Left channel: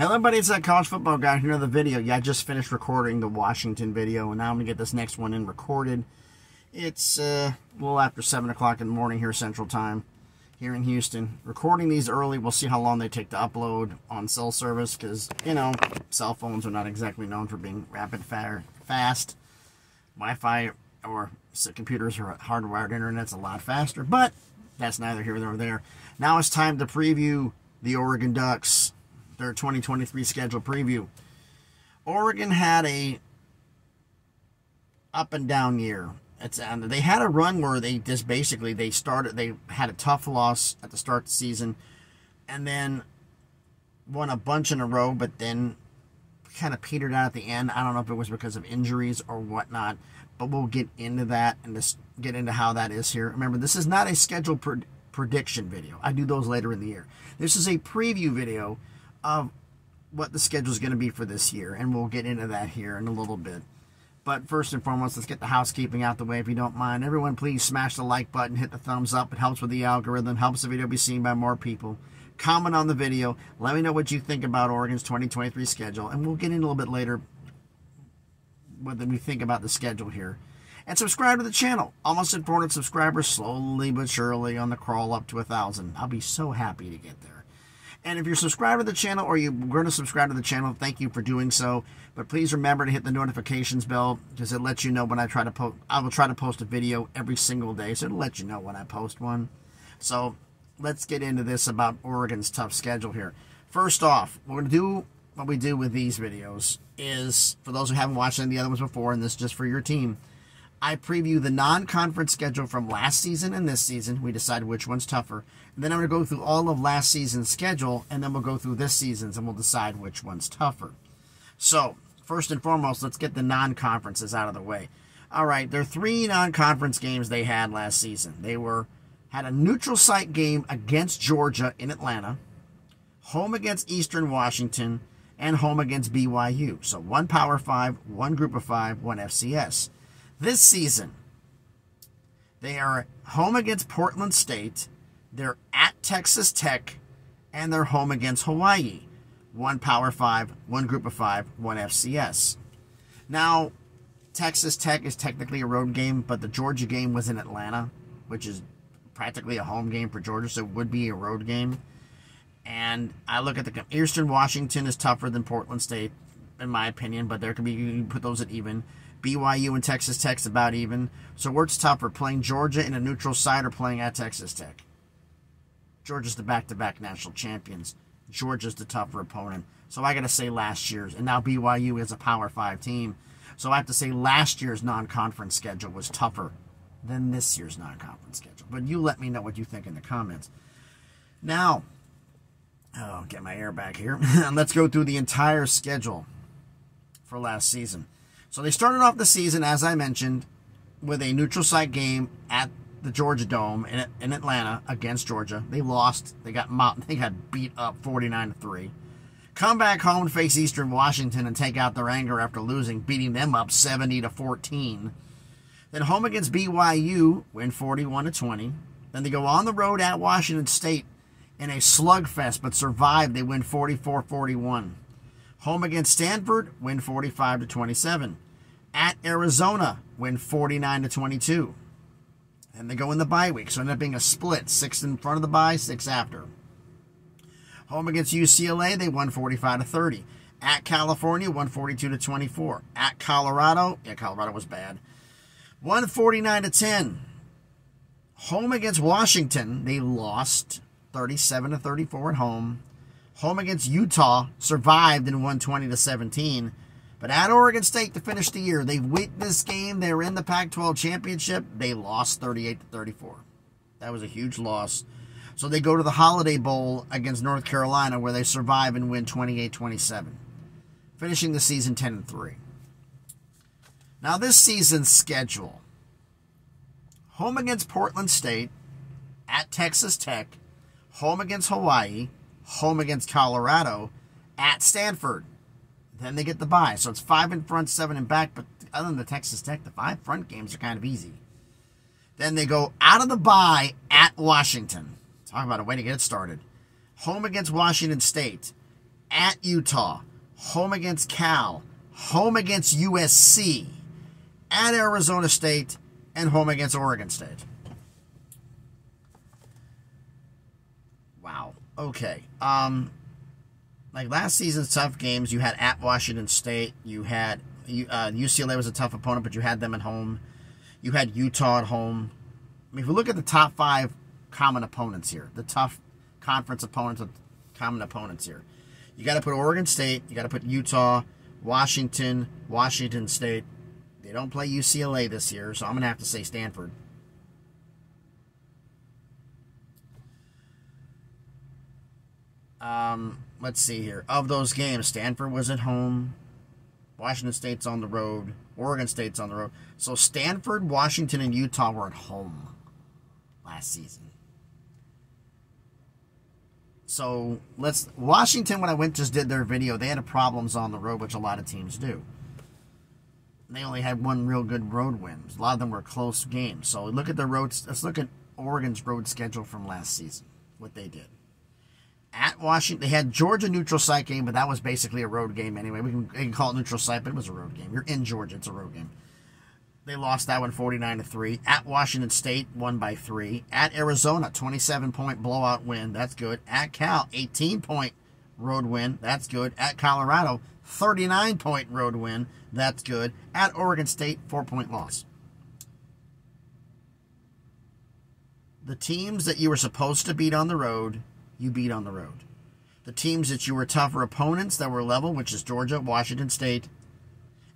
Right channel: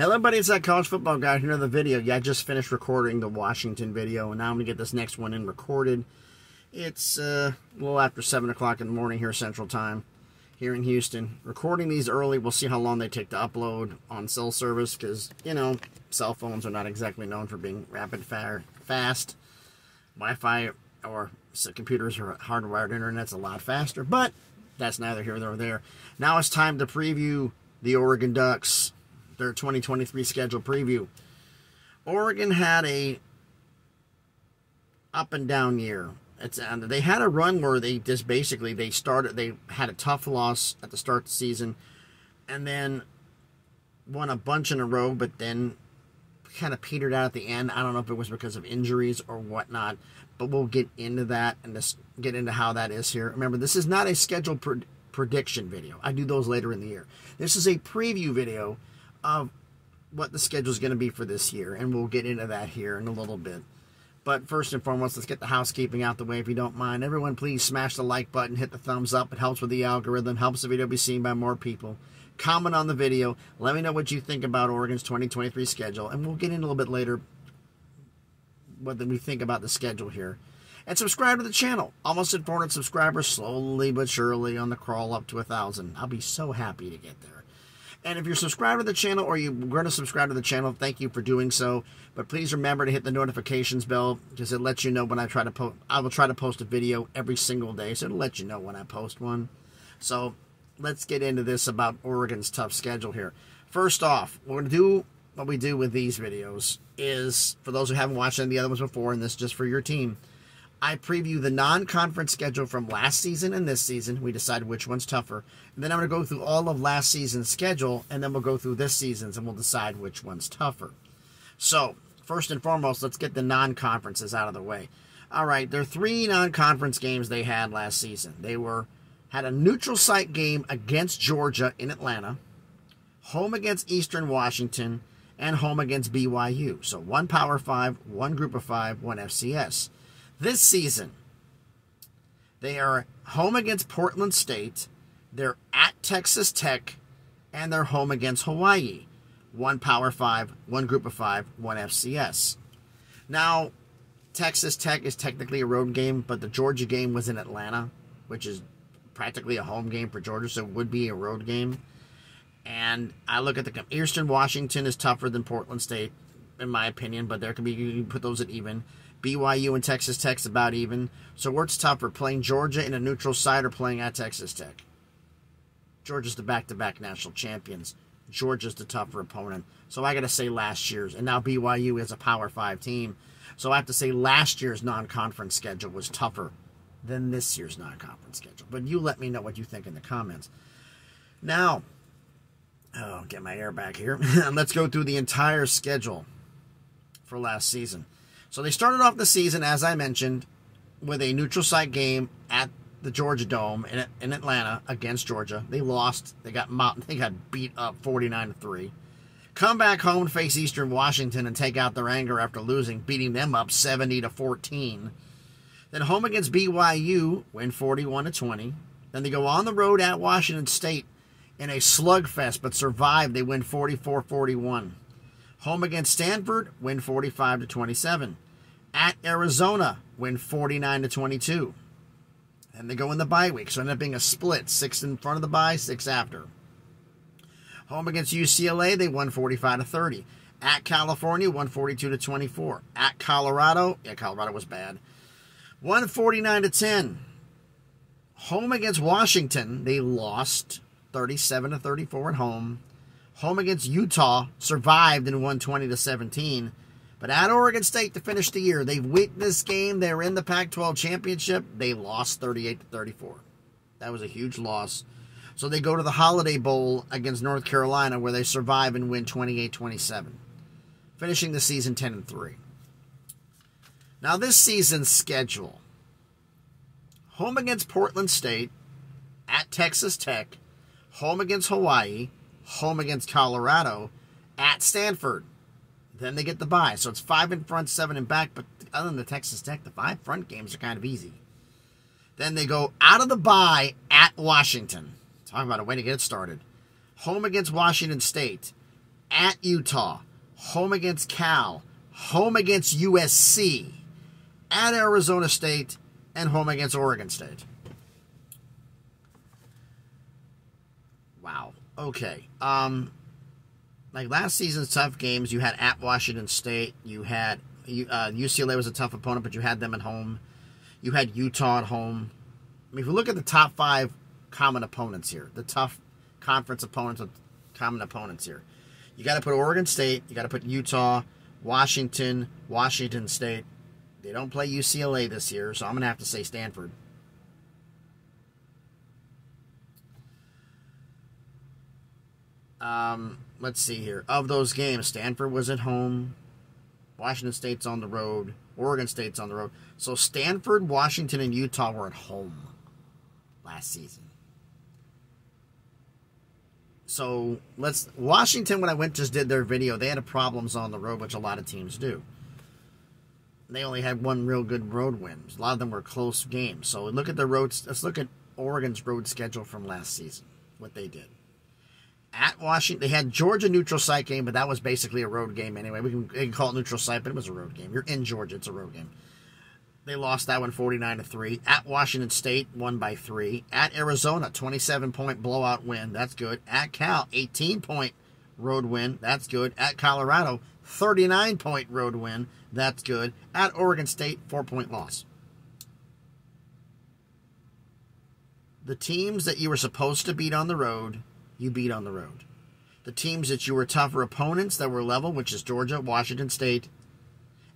Hello everybody, it's that college football guy here. Another video. Yeah, I just finished recording the Washington video, and now I'm going to get this next one in recorded. It's a little after 7 o'clock in the morning here Central Time, here in Houston. Recording these early, we'll see how long they take to upload on cell service, because, you know, cell phones are not exactly known for being rapid fast. Wi-Fi or computers or hardwired internet's a lot faster, but that's neither here nor there. Now it's time to preview the Oregon Ducks. Their 2023 schedule preview. Oregon had a up and down year. They had a run where they had a tough loss at the start of the season, and then won a bunch in a row, but then kind of petered out at the end. I don't know if it was because of injuries or whatnot, but we'll get into that and just get into how that is here. Remember, this is not a schedule prediction video. I do those later in the year. This is a preview video of what the schedule is going to be for this year, and we'll get into that here in a little bit. But first and foremost, let's get the housekeeping out the way, if you don't mind. Everyone, please smash the like button, hit the thumbs up. It helps with the algorithm, helps the video be seen by more people. Comment on the video. Let me know what you think about Oregon's 2023 schedule, and we'll get in a little bit later what we think about the schedule here. And subscribe to the channel. Almost at 400 subscribers, slowly but surely on the crawl up to 1,000. I'll be so happy to get there. And if you're subscribed to the channel, or you're going to subscribe to the channel, thank you for doing so. But please remember to hit the notifications bell, because it lets you know when I try to post. I will try to post a video every single day, so it'll let you know when I post one. So let's get into this about Oregon's tough schedule here. First off, we're going to do what we do with these videos is, for those who haven't watched any of the other ones before, and this is just for your team, I preview the non-conference schedule from last season and this season. We decide which one's tougher. And then I'm going to go through all of last season's schedule, and then we'll go through this season's, and we'll decide which one's tougher. So, first and foremost, let's get the non-conferences out of the way. All right, there are 3 non-conference games they had last season. They had a neutral site game against Georgia in Atlanta, home against Eastern Washington, and home against BYU. So, 1 Power 5, 1 Group of 5, 1 FCS. This season, they are home against Portland State, they're at Texas Tech, and they're home against Hawaii. 1 Power 5, 1 Group of 5, 1 FCS. Now, Texas Tech is technically a road game, but the Georgia game was in Atlanta, which is practically a home game for Georgia, so it would be a road game. And I look at the Eastern Washington is tougher than Portland State, in my opinion, but there could be, you can put those at even. BYU and Texas Tech's about even. So where's tougher, playing Georgia in a neutral site or playing at Texas Tech? Georgia's the back-to-back national champions. Georgia's the tougher opponent. So I got to say last year's. And now BYU is a Power 5 team. So I have to say last year's non-conference schedule was tougher than this year's non-conference schedule. But you let me know what you think in the comments. Now, get my air back here. Let's go through the entire schedule for last season. So they started off the season, as I mentioned, with a neutral site game at the Georgia Dome in Atlanta against Georgia. They lost. They got beat up 49-3. Come back home to face Eastern Washington and take out their anger after losing, beating them up 70-14. Then home against BYU, win 41-20. Then they go on the road at Washington State in a slugfest, but survive. They win 44-41. Home against Stanford, win 45-27. At Arizona, win 49-22. And they go in the bye week, so it ended up being a split. 6 in front of the bye, 6 after. Home against UCLA, they won 45-30. At California, won 42-24. At Colorado, Colorado was bad, won 49-10. Home against Washington, they lost 37-34 at home. Home against Utah, survived and won 20-17. But at Oregon State to finish the year, they've won this game. They're in the Pac-12 Championship. They lost 38-34. That was a huge loss. So they go to the Holiday Bowl against North Carolina, where they survive and win 28-27, finishing the season 10-3. Now this season's schedule: home against Portland State, at Texas Tech, home against Hawaii, home against Colorado, at Stanford. Then they get the bye. So it's 5 in front, 7 in back. But other than the Texas Tech, the 5 front games are kind of easy. Then they go out of the bye at Washington. Talk about a way to get it started. Home against Washington State. at Utah, home against Cal, home against USC, at Arizona State, and home against Oregon State. Wow. Okay. Like last season's tough games, you had at Washington State, you had UCLA was a tough opponent, but you had them at home. You had Utah at home. I mean, if you look at the top 5 common opponents here, the tough conference opponents with common opponents here, you got to put Oregon State, you got to put Utah, Washington, Washington State. They don't play UCLA this year, so I'm going to have to say Stanford. Let's see here. Of those games, Stanford was at home. Washington State's on the road. Oregon State's on the road. So Stanford, Washington, and Utah were at home last season. So Washington, when I just did their video, they had problems on the road, which a lot of teams do. They only had one real good road win. A lot of them were close games. So look at the roads. Let's look at Oregon's road schedule from last season, what they did. At Washington, they had Georgia neutral site game, but that was basically a road game anyway. We can call it neutral site, but it was a road game. You're in Georgia, it's a road game. They lost that one 49-3. At Washington State, won by 3. At Arizona, 27-point blowout win. That's good. At Cal, 18-point road win. That's good. At Colorado, 39-point road win. That's good. At Oregon State, 4-point loss. The teams that you were supposed to beat on the road, you beat on the road. The teams that you were tougher opponents that were level, which is Georgia, Washington State.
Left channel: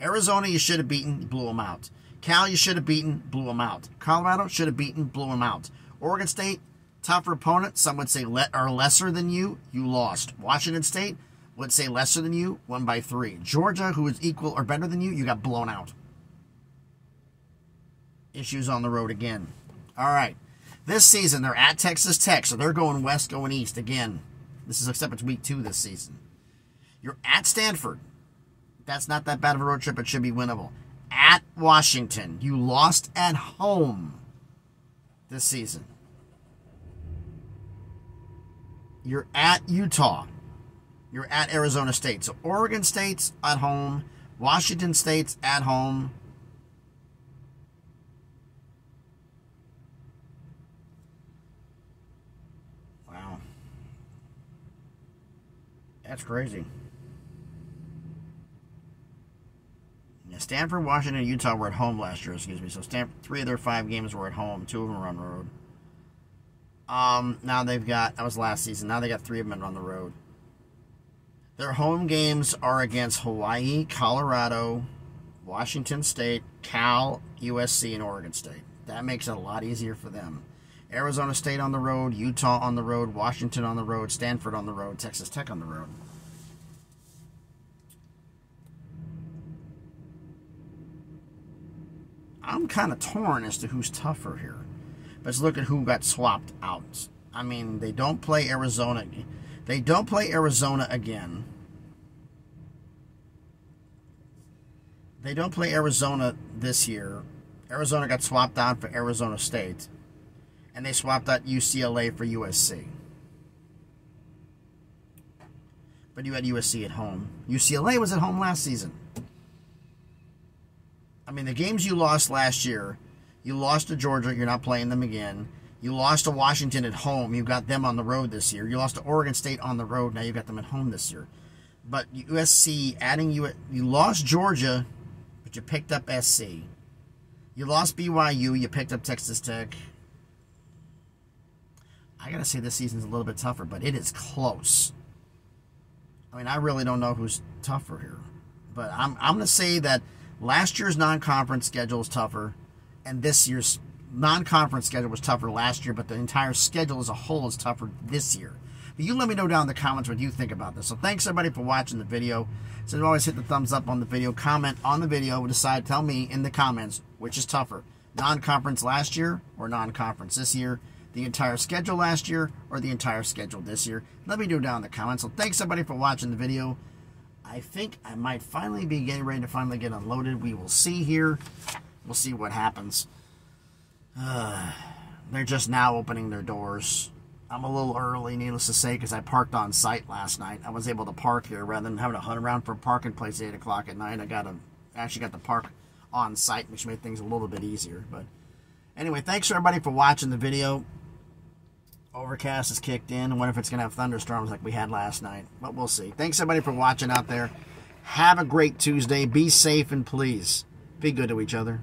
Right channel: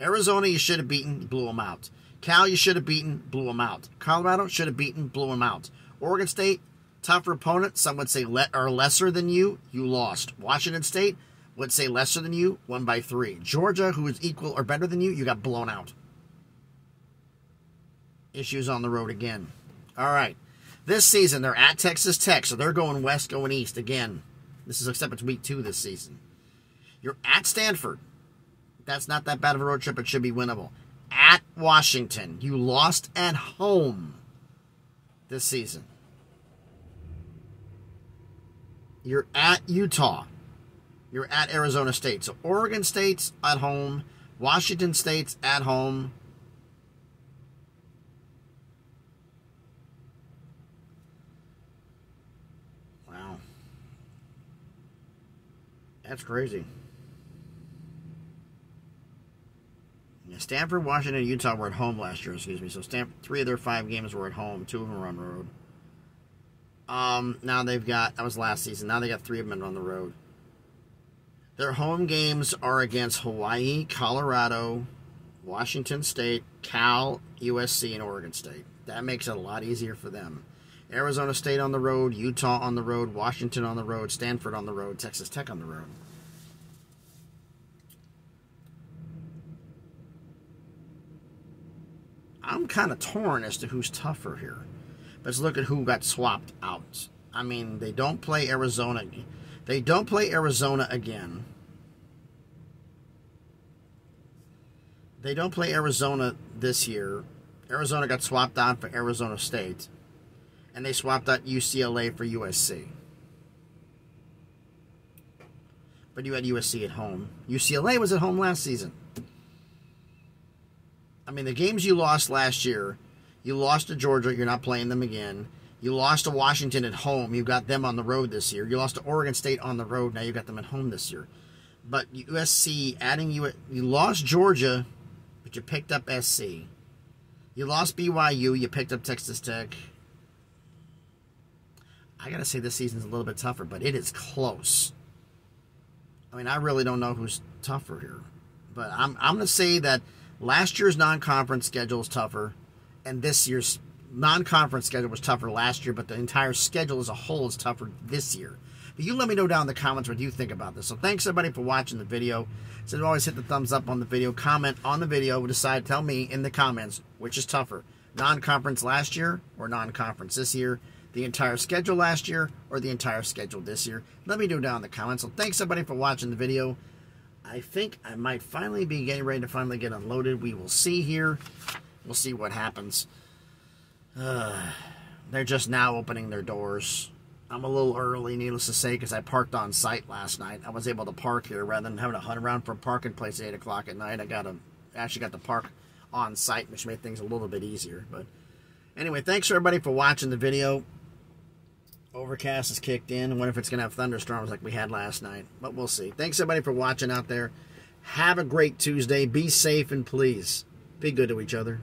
Arizona, you should have beaten, blew them out. Cal, you should have beaten, blew them out. Colorado, should have beaten, blew them out. Oregon State, tougher opponent, some would say are lesser than you lost. Washington State would say lesser than you, won by 3. Georgia, who is equal or better than you got blown out. Issues on the road again. All right. This season, they're at Texas Tech, so they're going west, going east again. This is except it's week 2 this season. You're at Stanford. That's not that bad of a road trip. It should be winnable. At Washington. You lost at home this season. You're at Utah. You're at Arizona State. So Oregon State's at home. Washington State's at home. Wow. That's crazy. Stanford, Washington, and Utah were at home last year, excuse me. So 3 of their 5 games were at home. 2 of them were on the road. Now they've got, that was last season. Now they got 3 of them on the road. Their home games are against Hawaii, Colorado, Washington State, Cal, USC, and Oregon State. That makes it a lot easier for them. Arizona State on the road, Utah on the road, Washington on the road, Stanford on the road, Texas Tech on the road. I'm kind of torn as to who's tougher here. Let's look at who got swapped out. I mean, they don't play Arizona. They don't play Arizona again. They don't play Arizona this year. Arizona got swapped out for Arizona State. And they swapped out UCLA for USC. But you had USC at home. UCLA was at home last season. I mean, the games you lost last year, you lost to Georgia, you're not playing them again. You lost to Washington at home, you got them on the road this year. You lost to Oregon State on the road, now you got them at home this year. But USC, you lost Georgia, but you picked up SC. You lost BYU, you picked up Texas Tech. I got to say this season's a little bit tougher, but it is close. I mean, I really don't know who's tougher here. But I'm going to say that last year's non-conference schedule is tougher, and this year's non-conference schedule was tougher last year, but the entire schedule as a whole is tougher this year. But you let me know down in the comments what you think about this. So thanks, everybody, for watching the video. So always hit the thumbs up on the video. Comment on the video. Tell me in the comments which is tougher, non-conference last year or non-conference this year, the entire schedule last year or the entire schedule this year. Let me know down in the comments. So thanks, everybody, for watching the video. I think I might finally be getting ready to finally get unloaded. We will see here. We'll see what happens. They're just now opening their doors. I'm a little early, needless to say, because I parked on site last night. I was able to park here rather than having to hunt around for a parking place at 8 o'clock at night. I actually got to park on site, which made things a little bit easier. But anyway, thanks everybody for watching the video. Overcast is kicked in. I wonder if it's going to have thunderstorms like we had last night. But we'll see. Thanks everybody for watching out there. Have a great Tuesday. Be safe and please be good to each other.